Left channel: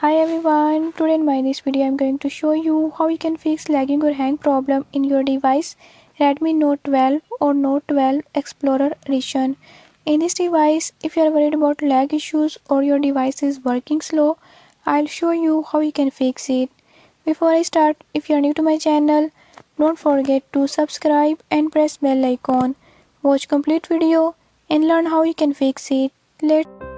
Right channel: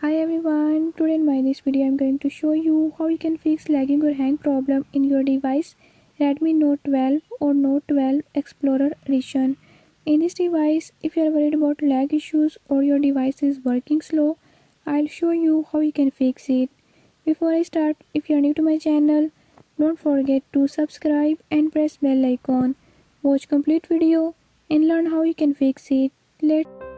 Hi everyone, today in my this video I am going to show you how you can fix lagging or hang problem in your device Redmi Note 12 or Note 12 Explorer Edition. In this device, if you are worried about lag issues or your device is working slow, I'll show you how you can fix it. Before I start, if you are new to my channel, don't forget to subscribe and press bell icon. Watch complete video and learn how you can fix it. Let's